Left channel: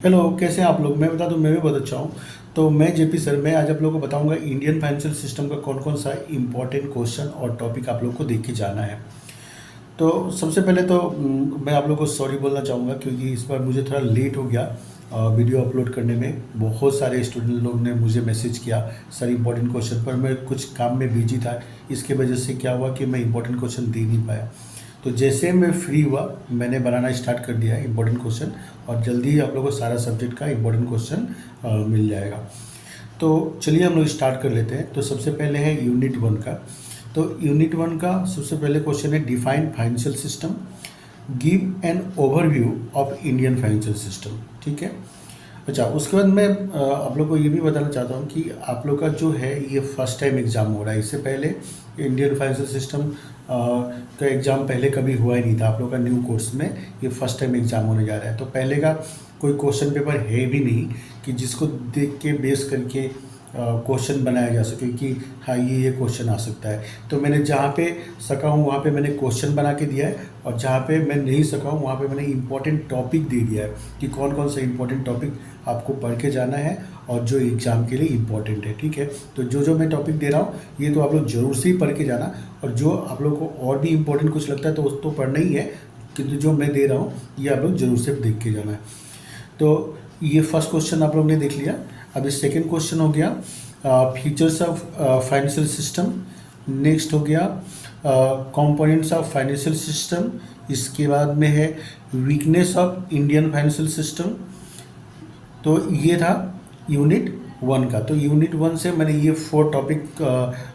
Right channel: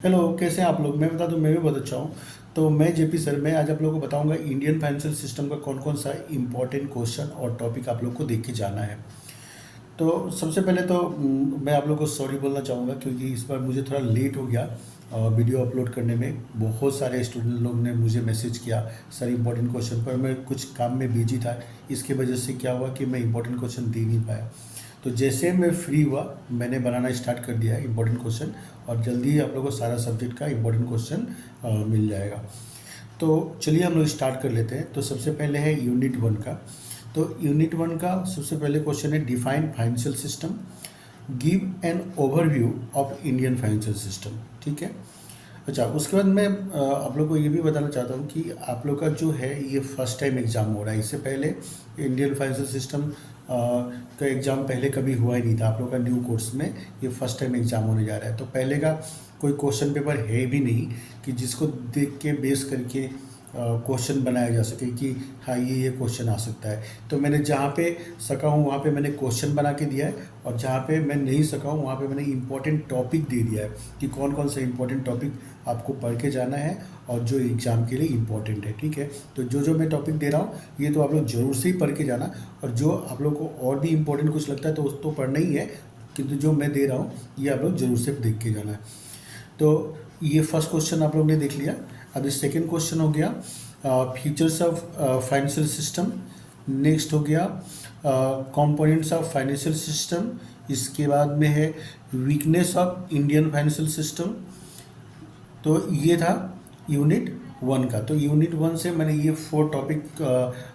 Hello, कैसे हैं आप लोग। मैं बता दूं, मैं भी बहुत अच्छा हूँ। तो मैं जेपी सर, मैं आज आप लोगों को बताऊंगा इंडियन फाइनेंशियल सिस्टम का कौन कौन सा इंपॉर्टेंट क्वेश्चन और टॉपिक आप लोग को देख के जाना है। तो सबसे पहले तो मैं आप लोग को सॉरी बोलना चाहूँगा क्योंकि इस बार मुझे थोड़ा लेट हो गया वीडियो अपलोड करने में। बहुत सारे स्टूडेंट लोग ने मुझे मैसेज किया सर इंपॉर्टेंट क्वेश्चन, पर मैं कुछ काम में बिजी था। इसके वजह से क्या हुआ कि मैं इंपॉर्टेंट क्वेश्चन दे नहीं पाया। तो जैसे मैं फ्री हुआ मैंने बनाना स्टार्ट कर दिया है इंपॉर्टेंट क्वेश्चन, और जल्दी ही आप लोगों को सारा सब्जेक्ट का इंपॉर्टेंट क्वेश्चन मिल जाएगा। तो चलिए हम लोग स्टार्ट कर लेते हैं। तो सबसे पहले है यूनिट 1 का। तो यूनिट 1 का सबसे पहले क्वेश्चन है define financial system, give an overview of Indian financial system. ठीक है। अच्छा, उसके बाद मैं आप लोग को ये भी बताना चाहता हूँ कि आप लोग का जो है ये फर्स्ट टाइम एग्ज़ाम हो रहा है। इससे पहले इंडियन फाइनेंशियल सिस्टम का एग्ज़ाम पहले कभी हुआ ही नहीं था। आप लोग का न्यू कोर्स में ये फर्स्ट टाइम एग्ज़ाम होने जा रहा है। तो पहले का कोई क्वेश्चन पेपर है भी नहीं कि जिसको देख के बेस करके क्वेश्चन बनाया जा सके कि हाँ ये क्वेश्चन आ सकता है। तो मैंने जहाँ पे सका हूँ वहाँ पे मैंने क्वेश्चन बना के दिया है, और जहाँ पे मैं नहीं सका हूँ वहाँ पे मैंने इंपॉर्टेंट टॉपिक दे दिया है कि कौन कौन सा इंपॉर्टेंट टॉपिक आपको पढ़ के जाना है और जो एग्ज़ाम के लिए इम्पोर्टेंट है। ठीक है। तो जो जो मैं टॉपिक दे रहा हूँ ये तो आप लोग जरूर से ही पढ़ के जाना, और जो आप लोग को और भी इम्पोर्टेंट कुछ लगता है तो उसको पढ़ना ही है, किंतु जो मैं दे रहा हूँ ये आप लोग जरूर से देख के जाना है। तो ये फर्स्ट क्वेश्चन आप लोग ने देख लिया। अभी सेकेंड क्वेश्चन हो गया features of financial system. Next हो गया कंपोनेंट्स ऑफ फाइनेंशियल सिस्टम। इसके बाद में है weakness of Indian financial system. तो ये था यूनिट 1 का। तो यूनिट 1 से मैंने ये 4 टॉपिक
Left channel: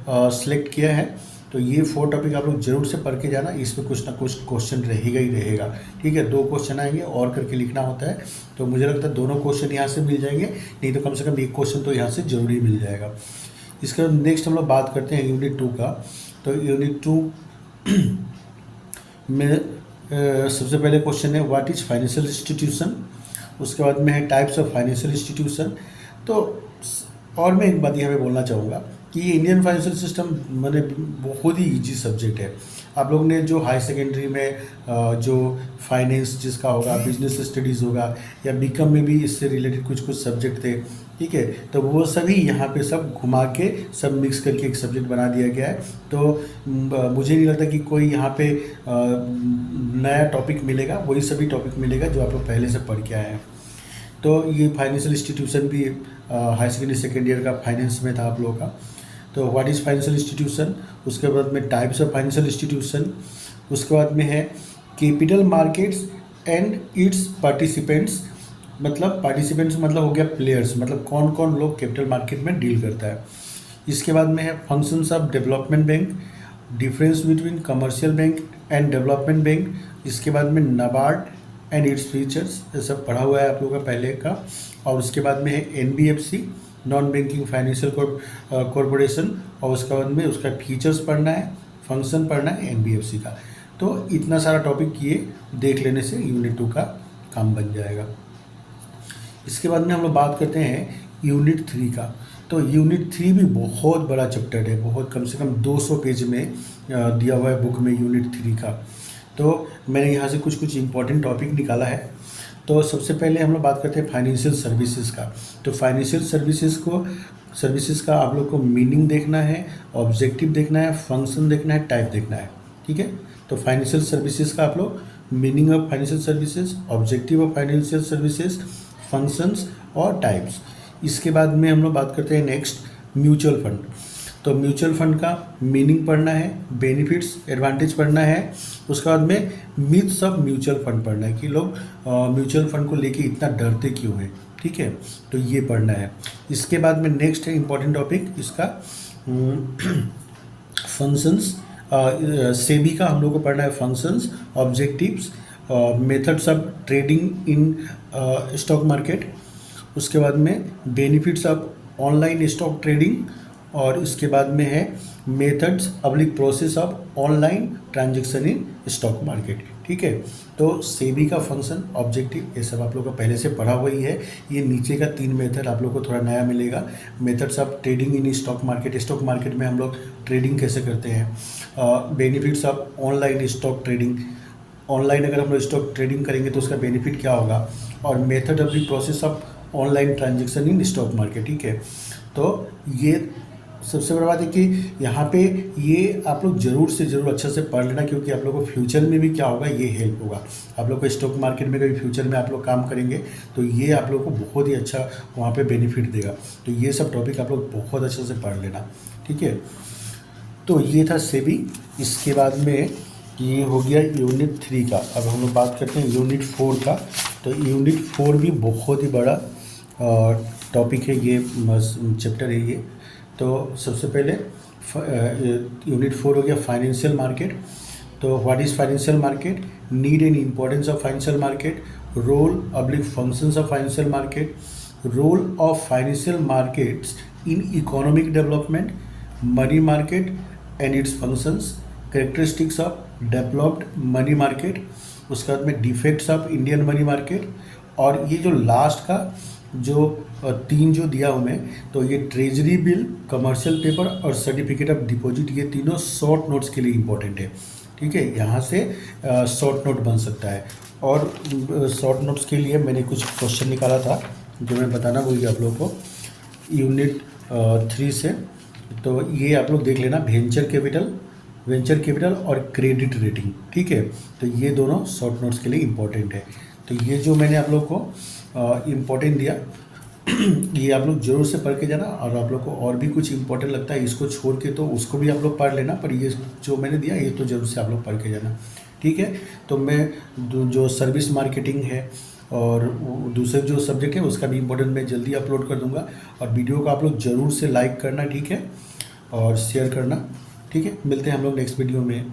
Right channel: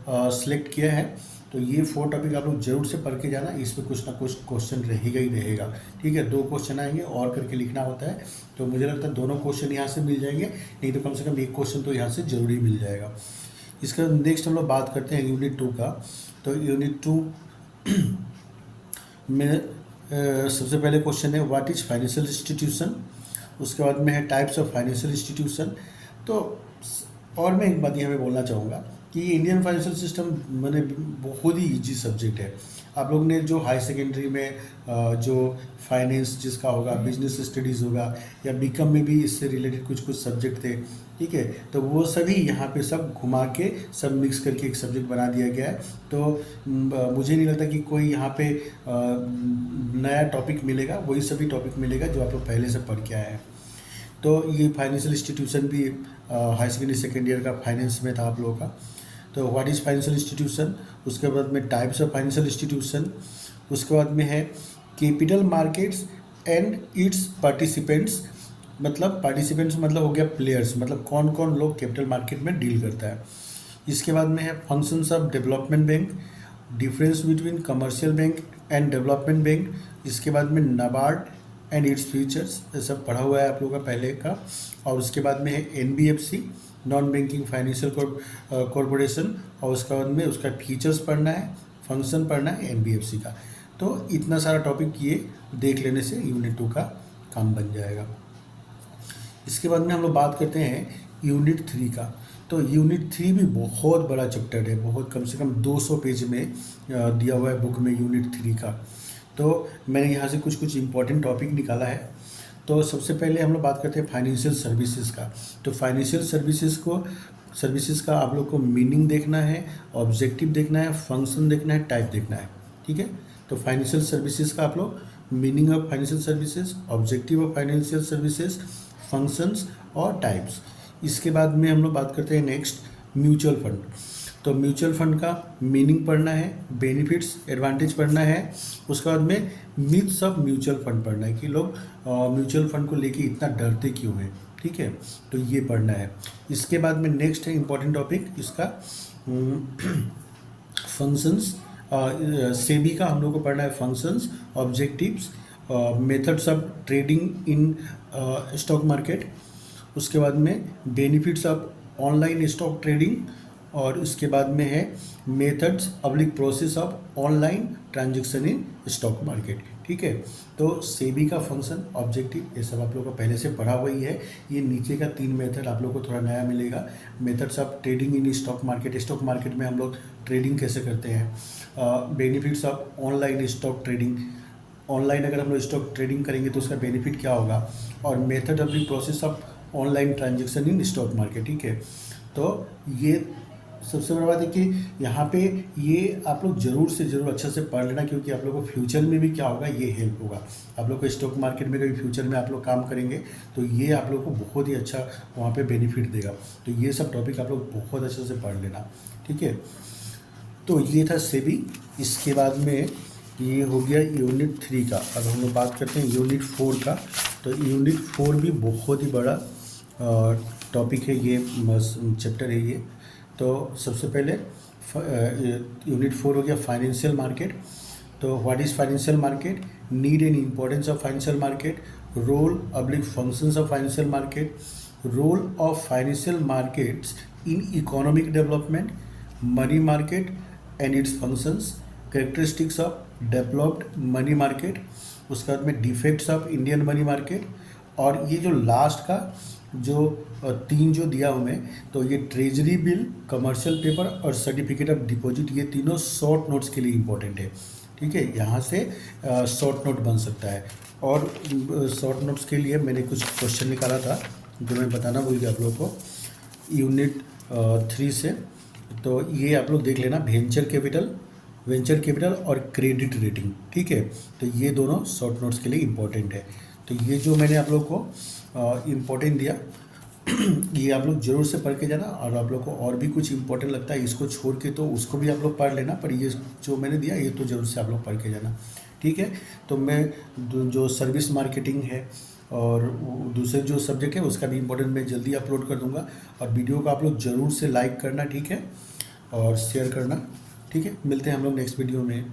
सेलेक्ट किया है। तो ये 4 टॉपिक आप लोग जरूर से पढ़ के जाना, इसमें कुछ ना कुछ क्वेश्चन रहेगा ही रहेगा। ठीक है। 2 क्वेश्चन आएंगे और करके लिखना होता है, तो मुझे लगता है दोनों क्वेश्चन यहाँ से मिल जाएंगे, नहीं तो कम से कम एक क्वेश्चन तो यहाँ से जरूरी मिल जाएगा। इसके बाद नेक्स्ट हम लोग बात करते हैं यूनिट 2 का। तो यूनिट 2 में सबसे पहले क्वेश्चन है व्हाट इज फाइनेंशियल इंस्टीट्यूशन। उसके बाद में है टाइप्स ऑफ फाइनेंशियल इंस्टीट्यूशन। तो और मैं एक बात यहाँ पे बोलना चाहूँगा कि ये इंडियन फाइनेंशियल सिस्टम मैंने बहुत ही इजी सब्जेक्ट है। आप लोग ने जो हाई सेकेंडरी में जो फाइनेंस जिसका होगा, बिजनेस स्टडीज़ होगा, या बीकॉम में भी इससे रिलेटेड कुछ कुछ सब्जेक्ट थे। ठीक है। तो वो सभी यहाँ पे सब घुमा के सब मिक्स करके एक सब्जेक्ट बना दिया गया है। तो मुझे नहीं लगता कि कोई यहाँ पे नया टॉपिक मिलेगा, वही सभी टॉपिक मिलेगा जो आप लोग पहले से पढ़ के आए हैं। तो ये फाइनेंशियल इंस्टीट्यूशन भी हाई सेकेंडरी सेकेंड ईयर का फाइनेंस में था आप लोगों का। तो व्हाट इज़ फाइनेंशियल इंस्टीट्यूशन। उसके बाद में टाइप्स ऑफ फाइनेंशियल इंस्टीट्यूशन। उसके बाद में है capital markets and it's participants. मतलब पार्टिसिपेंट्स मतलब हो गया प्लेयर्स, मतलब कौन कौन लोग कैपिटल मार्केट में डील करता है। इसके बाद में है functions of development bank, difference between commercial bank and development bank. इसके बाद में नाबार्ड एंड इट्स फीचर्स, ये सब पढ़ा हुआ है आप लोगों का पहले का। और उसके बाद में है NBFC, non banking financial corporation, और उसके बाद में उसका फीचर्स पढ़ना है, फंक्शन पढ़ना है एनबीएफसी का। तो इतना सारा टॉपिक ये देख लेने से यूनिट 2 का काम बन जाएगा। इसके बाद में हम लोग बात करते हैं यूनिट 3 का। तो यूनिट 3 भी बहुत बड़ा चैप्टर है, बहुत कम से कम 200 पेज में दिया हुआ है बुक में यूनिट 3 का। तो मैंने यहाँ से कुछ कुछ इंपॉर्टेंट टॉपिक निकाला है। तो सबसे पहले हम लोग बात करते हैं फाइनेंशियल सर्विसेज का। तो फाइनेंशियल सर्विसेज का आप लोग को मीनिंग देखना है, ऑब्जेक्टिव देखना है, फंक्शन देखना है, टाइप देखना है। ठीक है। तो फाइनेंशियल सर्विसेज का आप लोग meaning of financial services, objective of financial services, functions और टाइप्स। इसके बाद में हम लोग बात करते हैं नेक्स्ट म्यूचुअल फंड। तो म्यूचुअल फंड का मीनिंग पढ़ना है, बेनिफिट्स एडवांटेज पढ़ना है। उसके बाद में मिथ्स ऑफ म्यूचुअल फंड पढ़ना है कि लोग म्यूचुअल फंड को लेके इतना डरते क्यों हैं। ठीक है। तो ये पढ़ना है। इसके बाद में नेक्स्ट है इंपॉर्टेंट टॉपिक इसका फंक्शंस। सेबी का हम लोग को पढ़ना है functions, objectives, methods of trading in stock market. उसके बाद में benefits of online stock trading, और इसके बाद में है methods public process of online transaction in stock market. ठीक है। तो सेबी का फंक्शन, ऑब्जेक्टिव, ये सब आप लोग का पहले से पढ़ा हुआ ही है। ये नीचे का 3 मेथड आप लोग को थोड़ा नया मिलेगा। Methods of trading in stock market, stock market में हम लोग ट्रेडिंग कैसे करते हैं। Benefits of online stock trading, online अगर हम लोग स्टॉक ट्रेडिंग करेंगे तो उसका बेनिफिट क्या होगा। और method of the process of online transaction in stock market, ठीक है। तो ये सबसे बड़ी बात है कि यहाँ पे ये आप लोग ज़रूर से ज़रूर अच्छा से पढ़ लेना, क्योंकि आप लोग को फ्यूचर में भी क्या होगा, ये हेल्प होगा। आप लोग को स्टॉक मार्केट में कभी फ्यूचर में आप लोग काम करेंगे तो ये आप लोग को बहुत ही अच्छा वहाँ पे बेनिफिट देगा। तो ये सब टॉपिक आप लोग बहुत अच्छे से पढ़ लेना, ठीक है। तो ये था सेबी। इसके बाद में ये हो गया यूनिट 3 का। अब हम लोग बात करते हैं यूनिट 4 का। तो यूनिट 4 भी बहुत ही बड़ा टॉपिक है, ये चैप्टर है ये। तो सबसे पहले यूनिट 4 हो गया फाइनेंशियल मार्केट। तो what is financial market, need and importance of financial market, role oblique functions of financial market, role of financial markets in economic development, money market and its functions, characteristics of developed money market, उसके बाद में defects of Indian money market. और ये जो last का जो 3 जो दिया हूँ मैं, तो ये ट्रेजरी बिल, कमर्शियल पेपर और सर्टिफिकेट ऑफ डिपॉजिट, ये तीनों शॉर्ट नोट्स के लिए इम्पोर्टेंट है, ठीक है। यहाँ से शॉर्ट नोट बन सकता है। और शॉर्ट नोट्स के लिए मैंने कुछ क्वेश्चन निकाला था जो मैं बताना भूल गया आप लोग को यूनिट 3 से। तो ये आप लोग देख लेना, वेंचर कैपिटल और क्रेडिट रेटिंग, ठीक है। तो ये दोनों शॉर्ट नोट्स के लिए इम्पोर्टेंट है। तो ये जो मैंने आप लोग को इम्पोर्टेंट दिया ये आप लोग जरूर से पढ़ के जाना। और आप लोग को और भी कुछ इम्पोर्टेंट लगता है इसको छोड़ के तो उसको भी आप लोग पढ़ लेना, पर ये जो मैंने दिया ये तो जरूर से आप लोग पढ़ के जाना, ठीक है। तो मैं जो सर्विस मार्केटिंग है और दूसरे जो सब्जेक्ट है उसका भी इम्पोर्टेंट मैं जल्दी अपलोड कर दूंगा। और वीडियो को आप लोग ज़रूर से लाइक करना, ठीक है, और शेयर करना, ठीक है। मिलते हैं हम लोग नेक्स्ट वीडियो में।